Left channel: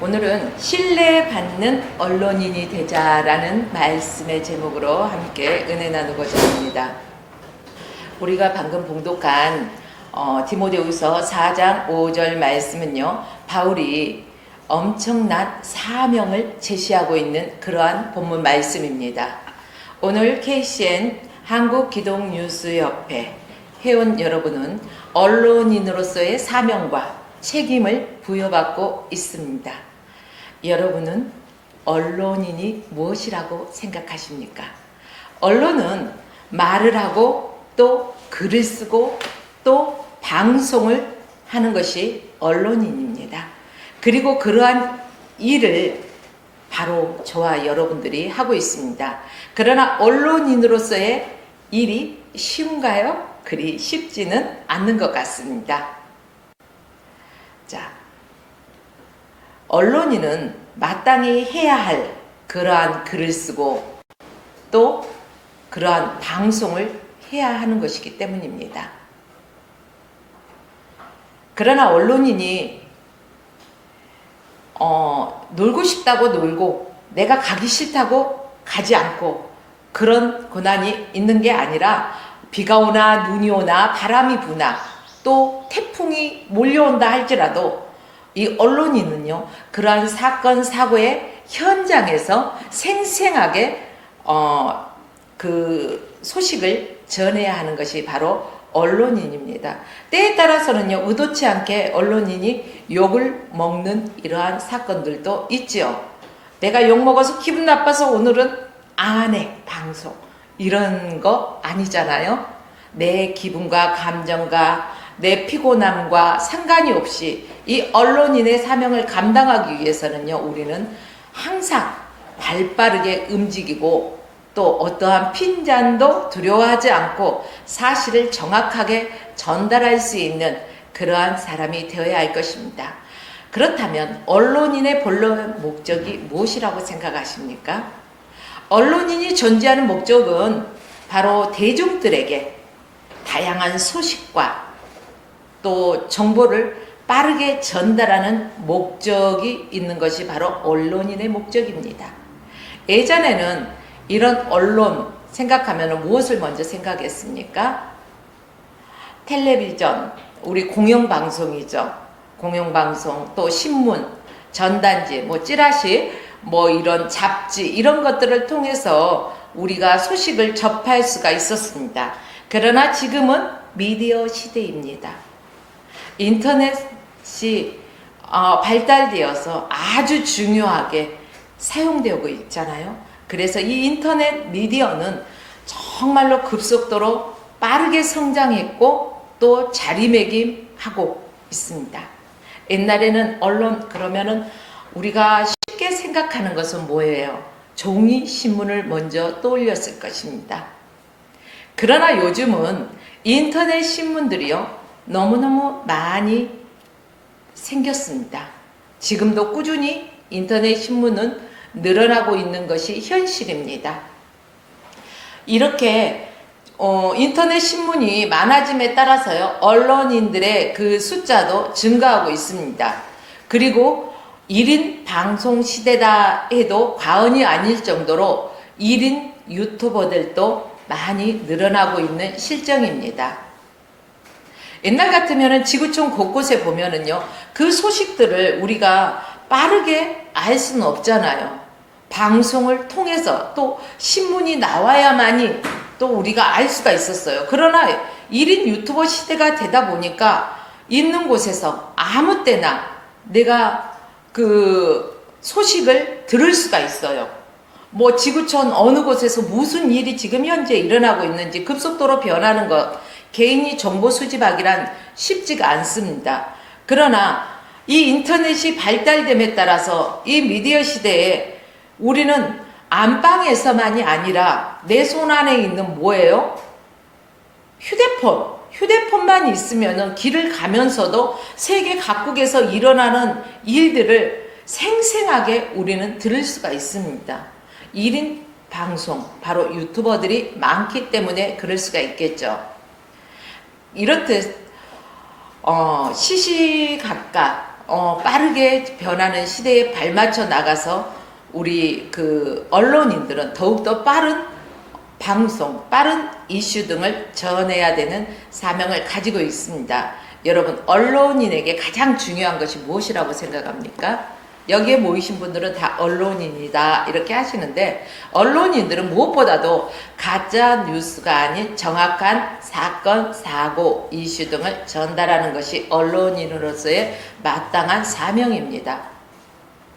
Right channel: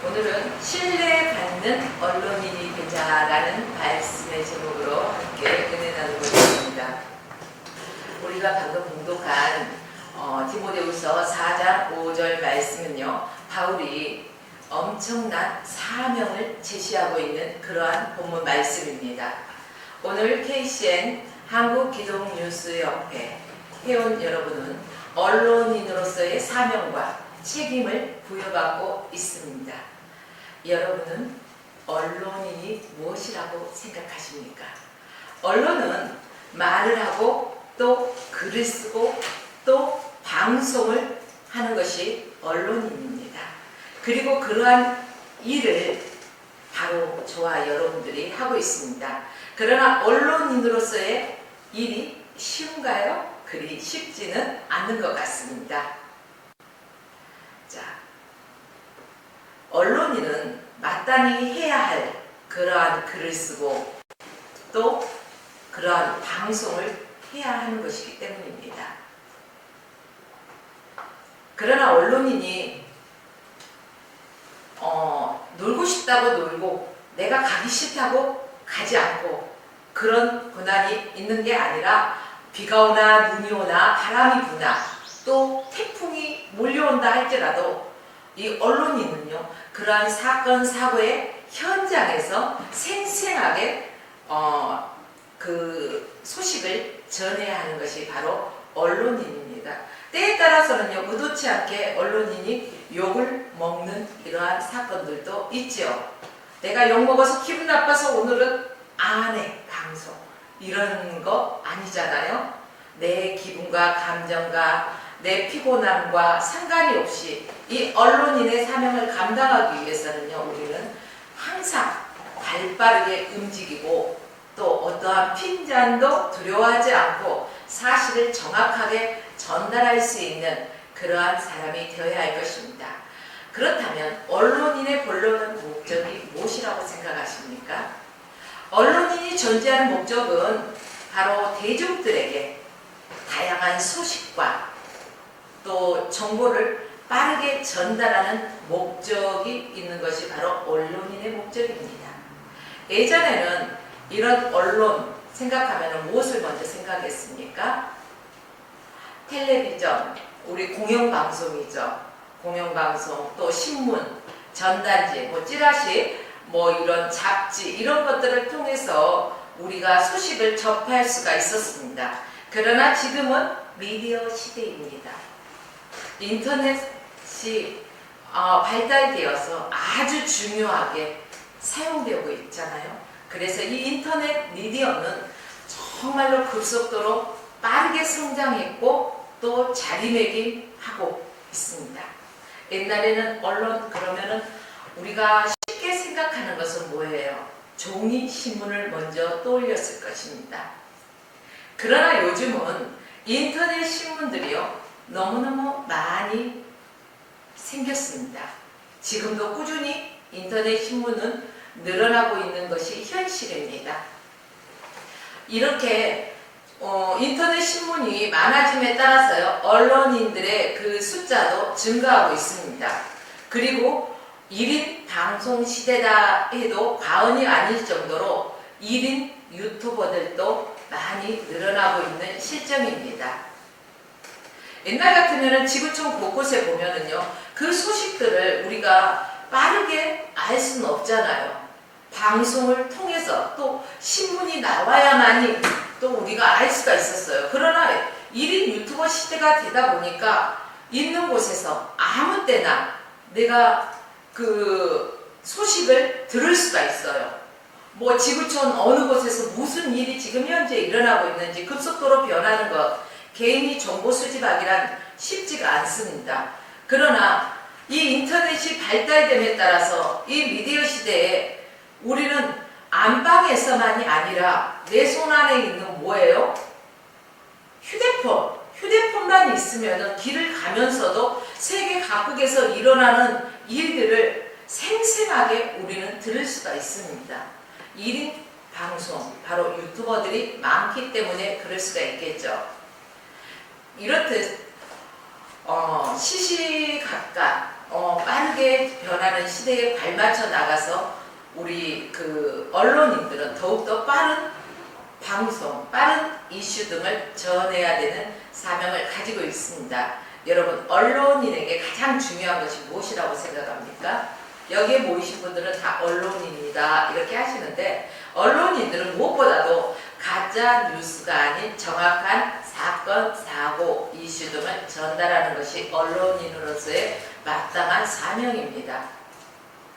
오늘은 신뢰받는 언론인이 되자라는 말씀의 제목으로 함께 은혜 나누고 있습니다. 우리가 방금 봉독한 디모데후서 4장 5절 말씀은요, 바울이 엄청난 사명을 제시하고 있는 그러한 본문 말씀입니다. 오늘 KCN 한국기독뉴스협회 회원 여러분은 언론인으로서의 사명과 책임을 부여받고 있습니다. 여러분은 언론인이 무엇이라고 생각하십니까? 언론은 말을 하고 또 글을 쓰고 또 방송을 하는 것이 언론인입니다. 그리고 그러한 일을 바로 저와 여러분들이 하고 있습니다. 그러나 언론인으로서의 일이 쉬운가요? 그리 쉽지는 않는 것 같습니다. 자, 언론인은 마땅히 해야 할 그러한 글을 쓰고 또 그러한 방송을 해야 하는 것이기 때문입니다. 그러나 언론인이 놀고 싶다고 놀고 내가 가기 싫다고 가지 않고 그런 고난이 있는 게 아니라 비가 오나 눈이 오나 바람이 부나 또 태풍이 몰려온다 할지라도 이 언론인은요, 그러한 사건 사고의 현장에서 생생하게 그 소식을 전해야 하는 것이 바로 언론인입니다. 때에 따라서는요, 의도치 않게 언론인이 욕을 먹는 이러한 사건들도 있지요. 내가 욕 먹어서 기분 나빠서 오늘은 안 해 방송, 이런 거 아니잖아요. 내 기분과 감정과 내 피곤함과 상관이 없이 이 언론인의 사명을 감당하기 위해서는요, 우리는 항상 발빠르게 움직이고 또 어떠한 핀잔도 두려워하지 않고 사실을 정확하게 전달할 수 있는 그러한 사람이 되어야 할 것입니다. 그렇다면 언론인의 본래 목적이 무엇이라고 생각하십니까? 언론인이 존재하는 목적은 바로 대중들에게 다양한 소식과 또 정보를 빠르게 전달하는 목적이 있는 것이 바로 언론인의 목적입니다. 예전에는 이런 언론 생각하면 무엇을 먼저 생각했습니까? 텔레비전, 우리 공영방송이죠. 공영방송, 또 신문, 전단지, 찌라시, 이런 잡지, 이런 것들을 통해서 우리가 소식을 접할 수가 있었습니다. 그러나 지금은 미디어 시대입니다. 인터넷이 발달되어서 아주 중요하게 사용되고 있잖아요. 그래서 이 인터넷 미디어는 정말로 급속도로 빠르게 성장했고 또 자리매김하고 있습니다. 옛날에는 언론 그러면은 우리가 쉽게 생각하는 것은 뭐예요? 종이 신문을 먼저 떠올렸을 것입니다. 그러나 요즘은 인터넷 신문들이요, 너무너무 많이 생겼습니다. 지금도 꾸준히 인터넷 신문은 늘어나고 있는 것이 현실입니다. 이렇게 인터넷 신문이 많아짐에 따라서요, 언론인들의 그 숫자도 증가하고 있습니다. 그리고 1인 방송 시대다 해도 과언이 아닐 정도로 1인 유튜버들도 많이 늘어나고 있는 실정입니다. 옛날 같으면 지구촌 곳곳에 보면은요, 그 소식들을 우리가 빠르게 알 수는 없잖아요. 방송을 통해서 또 신문이 나와야만이 또 우리가 알 수가 있었어요. 그러나 1인 유튜버 시대가 되다 보니까 있는 곳에서 아무 때나 내가 그 소식을 들을 수가 있어요. 지구촌 어느 곳에서 무슨 일이 지금 현재 일어나고 있는지 급속도로 변하는 것, 개인이 정보 수집하기란 쉽지가 않습니다. 그러나 이 인터넷이 발달됨에 따라서 이 미디어 시대에 우리는 안방에서만이 아니라 내 손 안에 있는 뭐예요? 휴대폰만 있으면 길을 가면서도 세계 각국에서 일어나는 일들을 생생하게 우리는 들을 수가 있습니다. 1인 방송, 바로 유튜버들이 많기 때문에 그럴 수가 있겠죠. 이렇듯 시시각각 빠르게 변하는 시대에 발맞춰 나가서 우리 그 언론인들은 더욱더 빠른 방송, 빠른 이슈 등을 전해야 되는 사명을 가지고 있습니다. 여러분, 언론인에게 가장 중요한 것이 무엇이라고 생각합니까? 여기에 모이신 분들은 다 언론인이다 이렇게 하시는데, 언론인들은 무엇보다도 가짜 뉴스가 아닌 정확한 사건, 사고, 이슈 등을 전달하는 것이 언론인으로서의 마땅한 사명입니다.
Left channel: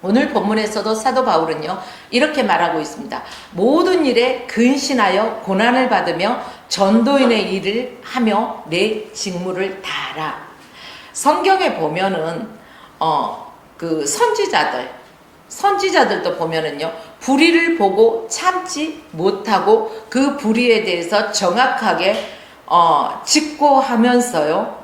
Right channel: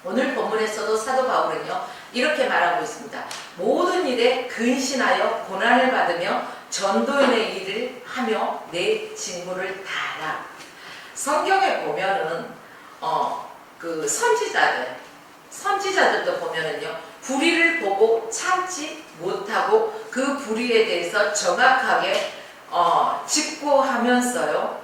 오늘 본문에서도 사도 바울은요 이렇게 말하고 있습니다. 모든 일에 근신하여 고난을 받으며 전도인의 일을 하며 내 직무를 다하라. 성경에 보면은 그 선지자들도 보면은요 불의를 보고 참지 못하고 그 불의에 대해서 정확하게 직고하면서요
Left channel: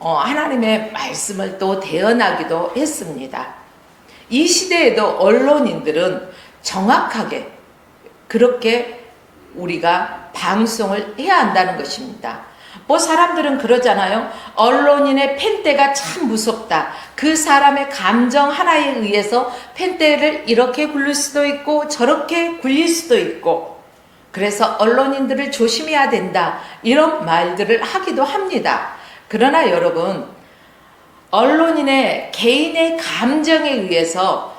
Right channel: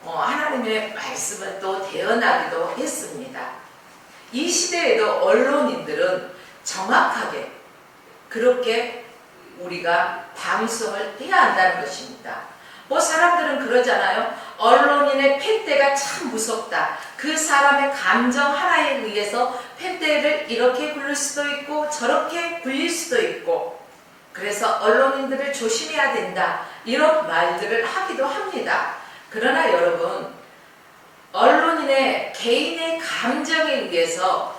하나님의 말씀을 또 대언하기도 했습니다. 이 시대에도 언론인들은 정확하게 그렇게 우리가 방송을 해야 한다는 것입니다. 뭐 사람들은 그러잖아요. 언론인의 펜대가 참 무섭다. 그 사람의 감정 하나에 의해서 펜대를 이렇게 굴릴 수도 있고 저렇게 굴릴 수도 있고, 그래서 언론인들을 조심해야 된다 이런 말들을 하기도 합니다. 그러나 여러분, 언론인의 개인의 감정에 의해서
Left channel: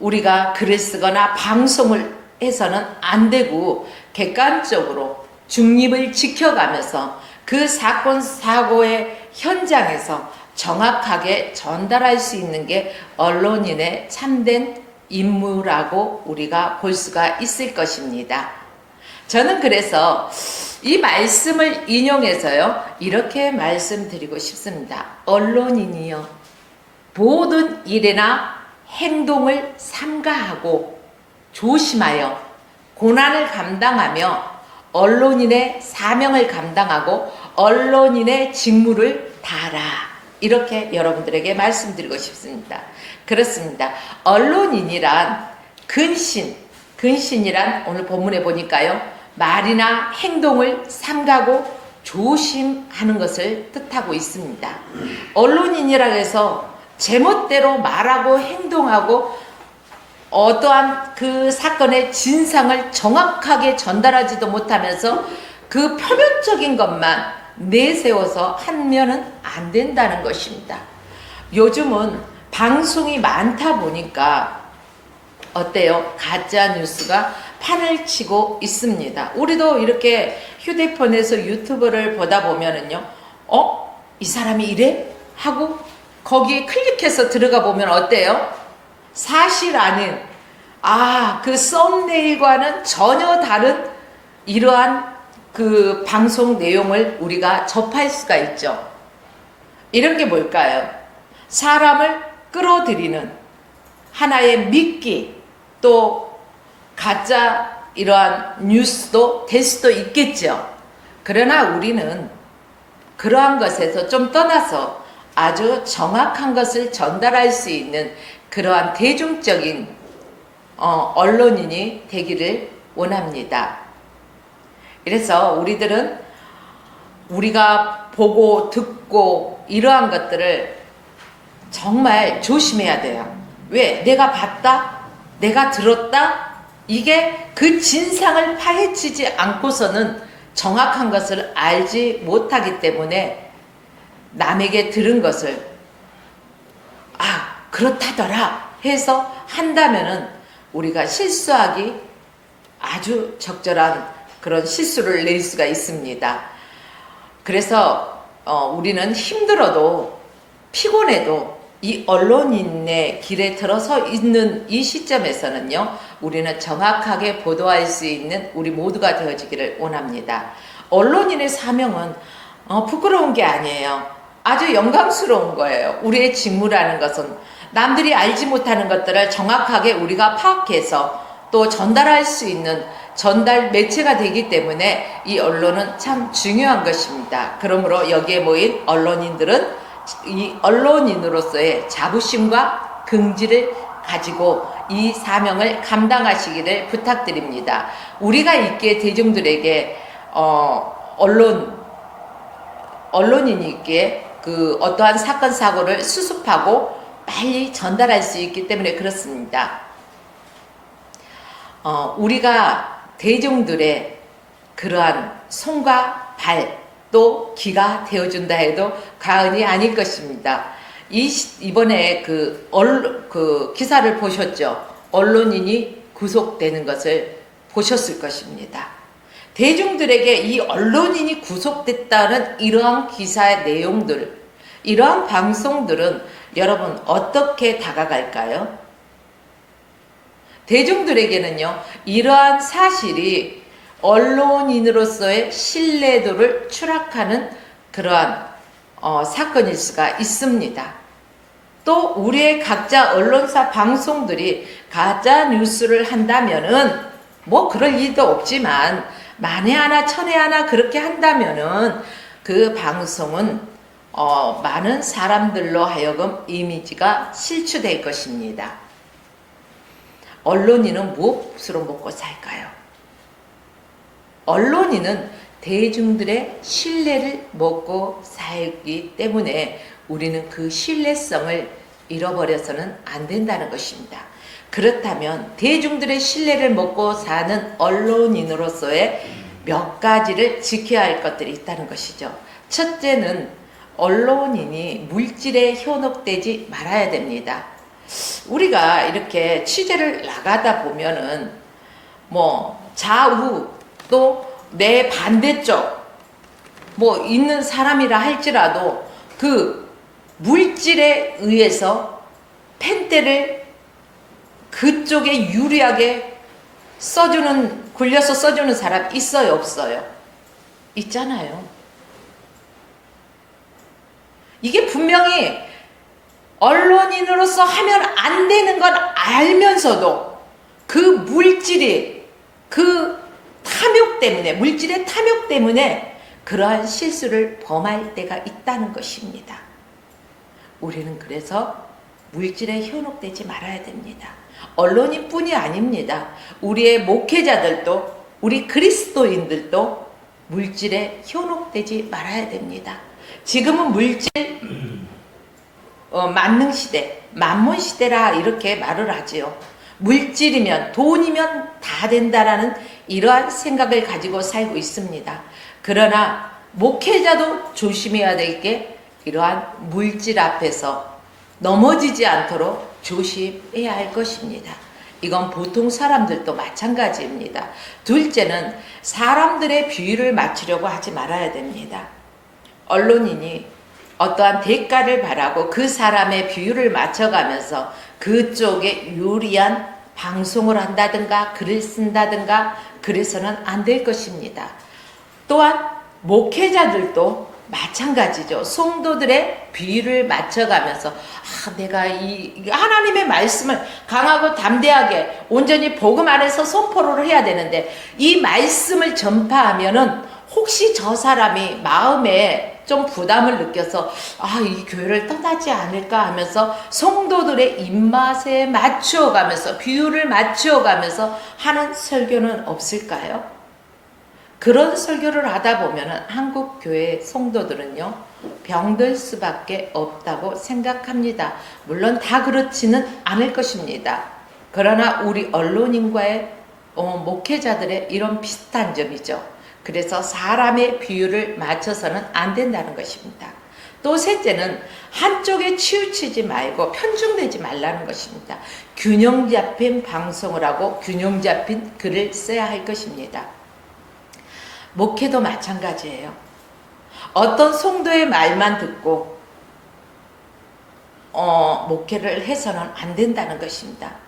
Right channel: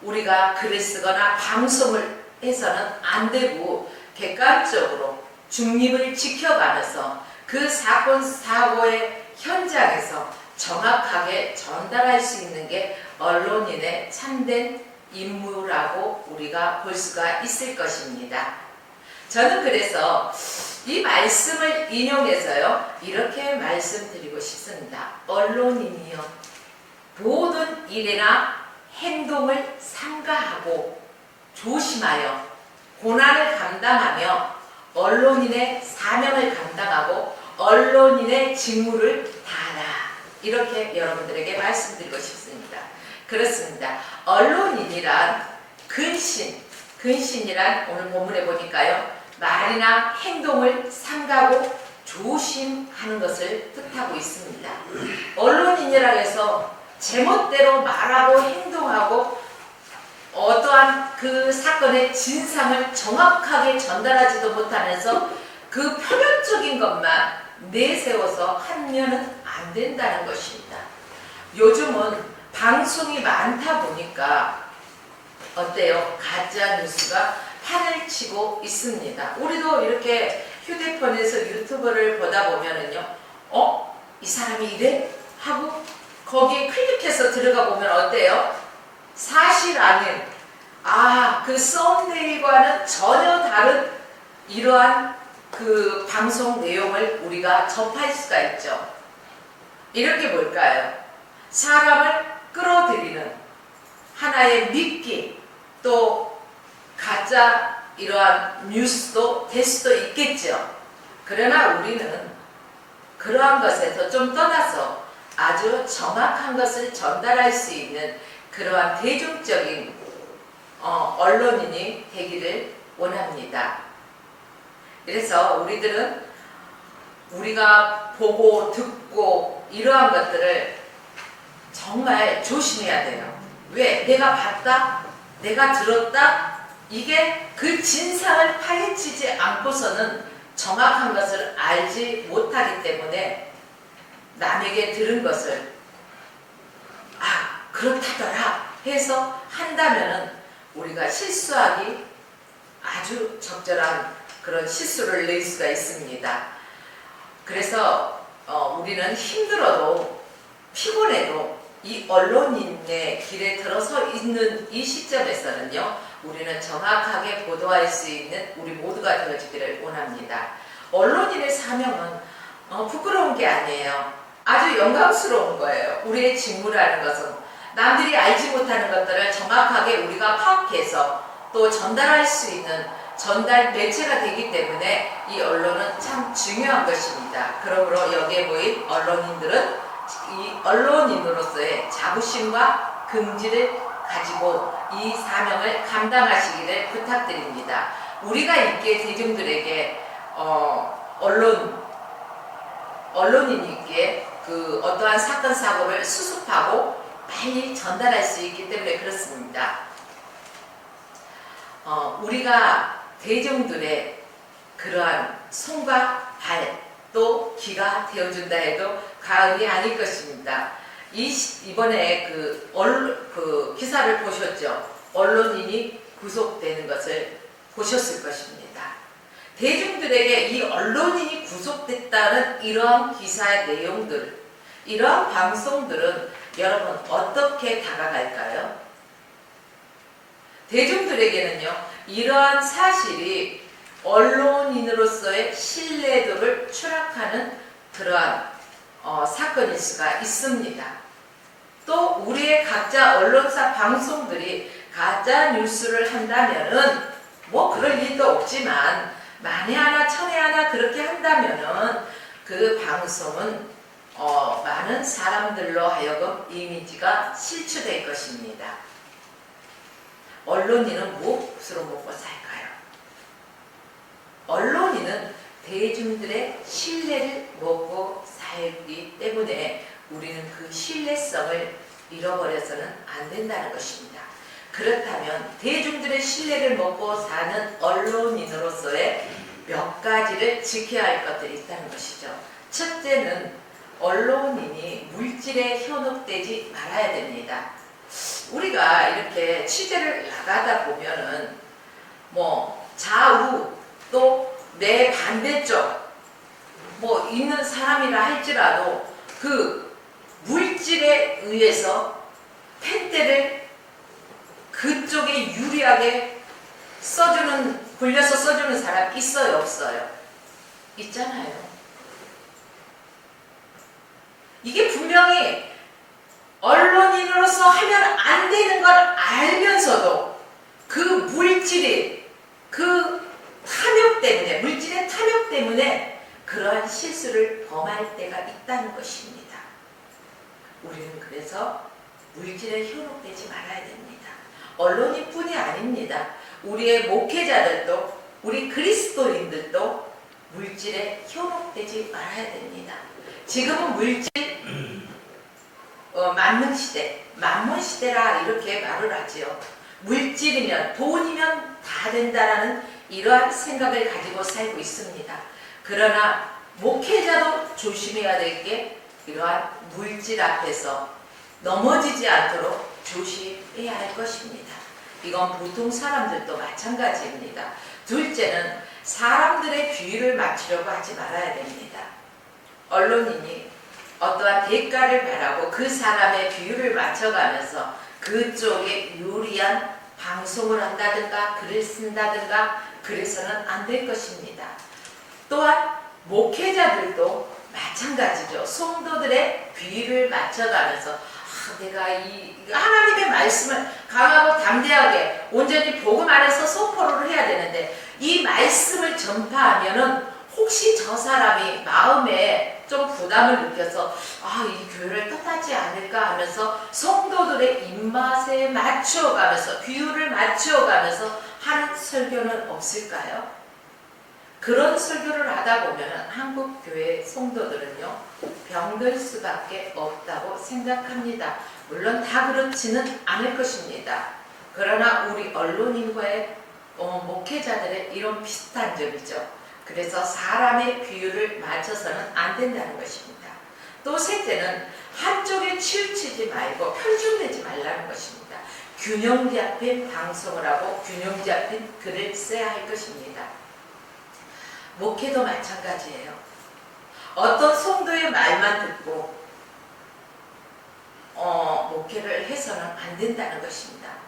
우리가 글을 쓰거나 방송을 해서는 안 되고, 객관적으로 중립을 지켜가면서 그 사건 사고의 현장에서 정확하게 전달할 수 있는 게 언론인의 참된 임무라고 우리가 볼 수가 있을 것입니다. 저는 그래서 이 말씀을 인용해서요 이렇게 말씀드리고 싶습니다. 언론인이여, 모든 일이나 행동을 삼가하고 조심하여 고난을 감당하며 언론인의 사명을 감당하고 언론인의 직무를 다하라. 이렇게 여러분들에게 말씀드리고 싶습니다. 그렇습니다. 언론인이란 근신이란 오늘 본문에 보니까요 말이나 행동을 삼가고 조심하는 것을 뜻하고 있습니다. 언론인이라 해서 제멋대로 말하고 행동하고 어떠한 그 사건의 진상을 정확하게 전달하지도 못하면서 그 표면적인 것만 내세워서 하면은 안 된다는 것입니다. 요즘은 방송이 많다 보니까 어때요? 가짜 뉴스가 판을 치고 있습니다. 우리도 이렇게 휴대폰에서 유튜브를 보다 보면은요, 이 사람이 이래? 하고 거기에 클릭해서 들어가 보면 어때요? 사실 아닌, 그 썸네일과는 전혀 다른 이러한 그 방송 내용을 우리가 접할 수가 있죠. 이런 게 뭘까요? 사람을 끌어들이는 하나의 미끼, 또 가짜 이러한 뉴스도 될 수도 있겠죠. 그러나 우리는 그러한 것에서 좀 떠나서 아주 정확한 것을 전달할 수 있는 그러한 대중적인 언론인이 되기를 원합니다. 그래서 우리들은 우리가 보고 듣고 이러한 것들을 정말 조심해야 돼요. 왜? 내가 봤다? 내가 들었다? 이게 그 진상을 파헤치지 않고서는 정확한 것을 알지 못하기 때문에 남에게 들은 것을 그렇다더라 해서 한다면은 우리가 실수하기 아주 적절한 그런 실수를 낼 수가 있습니다. 그래서 우리는 힘들어도 피곤해도 이 언론인의 길에 들어서 있는 이 시점에서는요 우리는 정확하게 보도할 수 있는 우리 모두가 되어지기를 원합니다. 언론인의 사명은 부끄러운 게 아니에요. 아주 영광스러운 거예요. 우리의 직무라는 것은 남들이 알지 못하는 것들을 정확하게 우리가 파악해서 또 전달할 수 있는 전달 매체가 되기 때문에 이 언론은 참 중요한 것입니다. 그러므로 여기에 모인 언론인들은 이 언론인으로서의 자부심과 긍지를 가지고 이 사명을 감당하시기를 부탁드립니다. 우리가 있기에 대중들에게 언론인이 있기에 그 어떠한 사건 사고를 수습하고 빨리 전달할 수 있기 때문에 그렇습니다. 우리가 대중들의 그러한 손과 발 또 귀가 되어준다 해도 과언이 아닐 것입니다. 이번에 그 기사를 보셨죠? 언론인이 구속되는 것을 보셨을 것입니다. 대중들에게 이 언론인이 구속됐다는 이러한 기사의 내용들, 이러한 방송들은 여러분 어떻게 다가갈까요? 대중들에게는요, 이러한 사실이 언론인으로서의 신뢰도를 추락하는 그러한 사건일 수가 있습니다. 또 우리의 각자 언론사 방송들이 가짜 뉴스를 한다면은 뭐 그럴 일도 없지만 만에 하나 천에 하나 그렇게 한다면은 그 방송은 많은 사람들로 하여금 이미지가 실추될 것입니다. 언론인은 무엇으로 먹고 살까요? 언론인은 대중들의 신뢰를 먹고 살기 때문에 우리는 그 신뢰성을 잃어버려서는 안 된다는 것입니다. 그렇다면 대중들의 신뢰를 먹고 사는 언론인으로서의 몇 가지를 지켜야 할 것들이 있다는 것이죠. 첫째는 언론인이 물질에 현혹되지 말아야 됩니다. 우리가 이렇게 취재를 나가다 보면은 뭐 좌우 또 내 반대쪽 뭐 있는 사람이라 할지라도 그 물질에 의해서 펜대를 그쪽에 유리하게 굴려서 써주는 사람 있어요, 없어요? 있잖아요. 이게 분명히 언론인으로서 하면 안 되는 걸 알면서도 그 물질이 물질의 탐욕 때문에 그러한 실수를 범할 때가 있다는 것입니다. 우리는 그래서 물질에 현혹되지 말아야 됩니다. 언론인 뿐이 아닙니다. 우리의 목회자들도, 우리 그리스도인들도 물질에 현혹되지 말아야 됩니다. 지금은 물질 만능 시대, 만몬 시대라 이렇게 말을 하지요. 물질이면 돈이면 다 된다라는 이러한 생각을 가지고 살고 있습니다. 그러나 목회자도 조심해야 될 게 이러한 물질 앞에서 넘어지지 않도록 조심해야 할 것입니다. 이건 보통 사람들도 마찬가지입니다. 둘째는 사람들의 비위를 맞추려고 하지 말아야 됩니다. 언론인이 어떠한 대가를 바라고 그 사람의 비율을 맞춰가면서 그쪽에 유리한 방송을 한다든가 글을 쓴다든가 그래서는 안 될 것입니다. 또한 목회자들도 마찬가지죠. 성도들의 비율을 맞춰가면서 내가 이 하나님의 말씀을 강하고 담대하게 온전히 복음 안에서 선포를 해야 되는데 이 말씀을 전파하면은 혹시 저 사람이 마음에 좀 부담을 느껴서 이 교회를 떠나지 않을까 하면서 성도들의 입맛에 맞추어가면서 비율을 맞추어가면서 하는 설교는 없을까요? 그런 설교를 하다 보면 한국 교회 성도들은요 병들 수밖에 없다고 생각합니다. 물론 다 그렇지는 않을 것입니다. 그러나 우리 언론인과의 목회자들의 이런 비슷한 점이죠. 그래서 사람의 비율을 맞춰서는 안 된다는 것입니다. 또 셋째는 한쪽에 치우치지 말고 편중되지 말라는 것입니다. 균형 잡힌 방송을 하고 균형 잡힌 글을 써야 할 것입니다. 목회도 마찬가지예요. 어떤 성도의 말만 듣고 목회를 해서는 안 된다는 것입니다.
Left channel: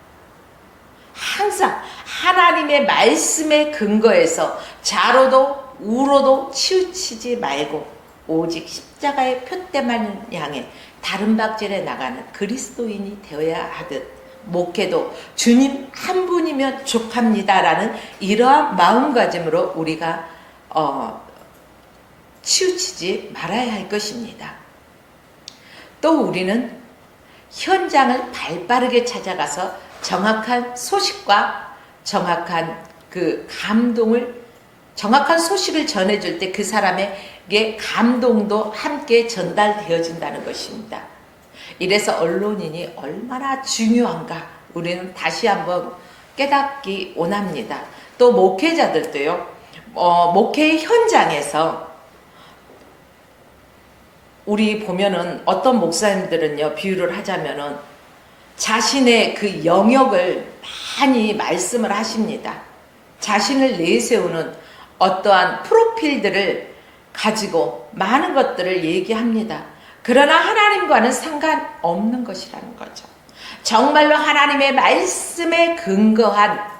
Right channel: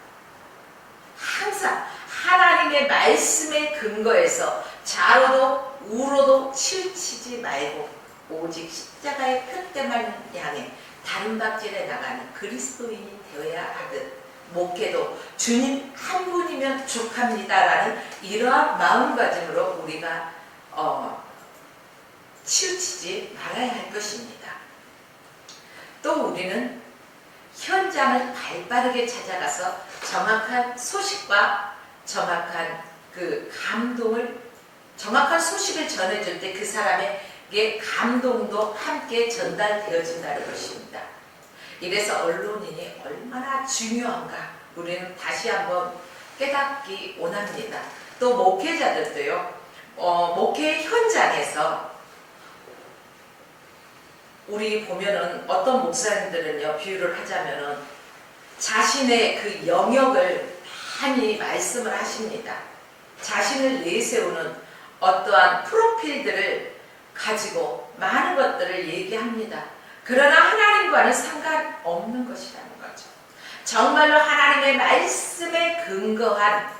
항상 하나님의 말씀에 근거해서 좌로도 우로도 치우치지 말고 오직 십자가의 표대만 향해 다른 박질에 나가는 그리스도인이 되어야 하듯 목회도 주님 한 분이면 족합니다라는 이러한 마음가짐으로 우리가 치우치지 말아야 할 것입니다. 또 우리는 현장을 발빠르게 찾아가서 정확한 소식과 정확한 그 정확한 소식을 전해줄 때 그 사람에게 감동도 함께 전달되어진다는 것입니다. 이래서 언론인이 얼마나 중요한가 우리는 다시 한번 깨닫기 원합니다. 또 목회자들도요, 목회 현장에서 우리 보면은 어떤 목사님들은요, 비유를 하자면은 자신의 그 영역을 많이 말씀을 하십니다. 자신을 내세우는 어떠한 프로필들을 가지고 많은 것들을 얘기합니다. 그러나 하나님과는 상관없는 것이라는 거죠. 정말로 하나님의 말씀에 근거한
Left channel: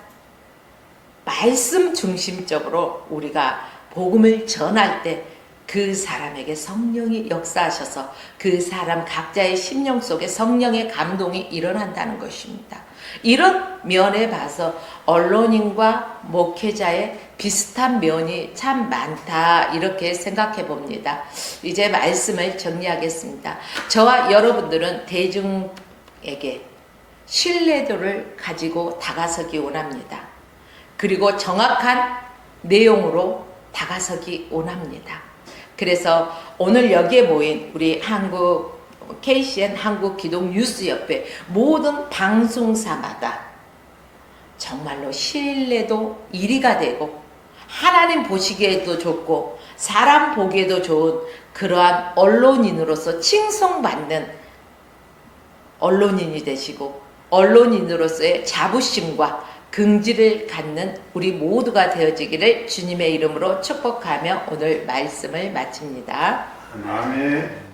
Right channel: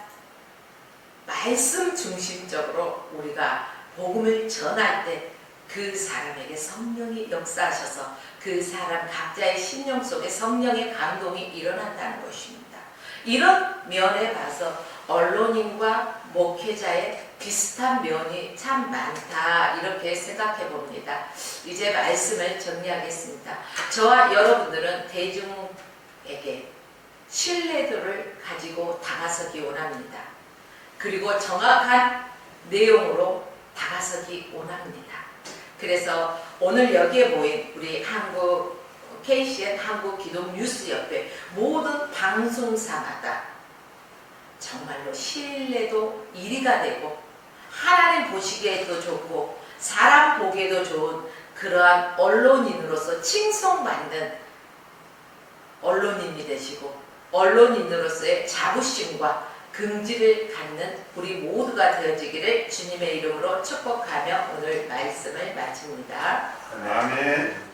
말씀 중심적으로 우리가 복음을 전할 때 그 사람에게 성령이 역사하셔서 그 사람 각자의 심령 속에 성령의 감동이 일어난다는 것입니다. 이런 면에 봐서 언론인과 목회자의 비슷한 면이 참 많다 이렇게 생각해 봅니다. 이제 말씀을 정리하겠습니다. 저와 여러분들은 대중에게 신뢰도를 가지고 다가서기 원합니다. 그리고 정확한 내용으로 다가서기 원합니다. 그래서 오늘 여기에 모인 우리 한국 KCN 한국기독뉴스협회 모든 방송사마다 정말로 신뢰도 1위가 되고 하나님 보시기에도 좋고 사람 보기에도 좋은 그러한 언론인으로서 칭송받는 언론인이 되시고 언론인으로서의 자부심과 긍지를 갖는 우리 모두가 되어지기를 주님의 이름으로 축복하며 오늘 말씀을 마칩니다. 아멘.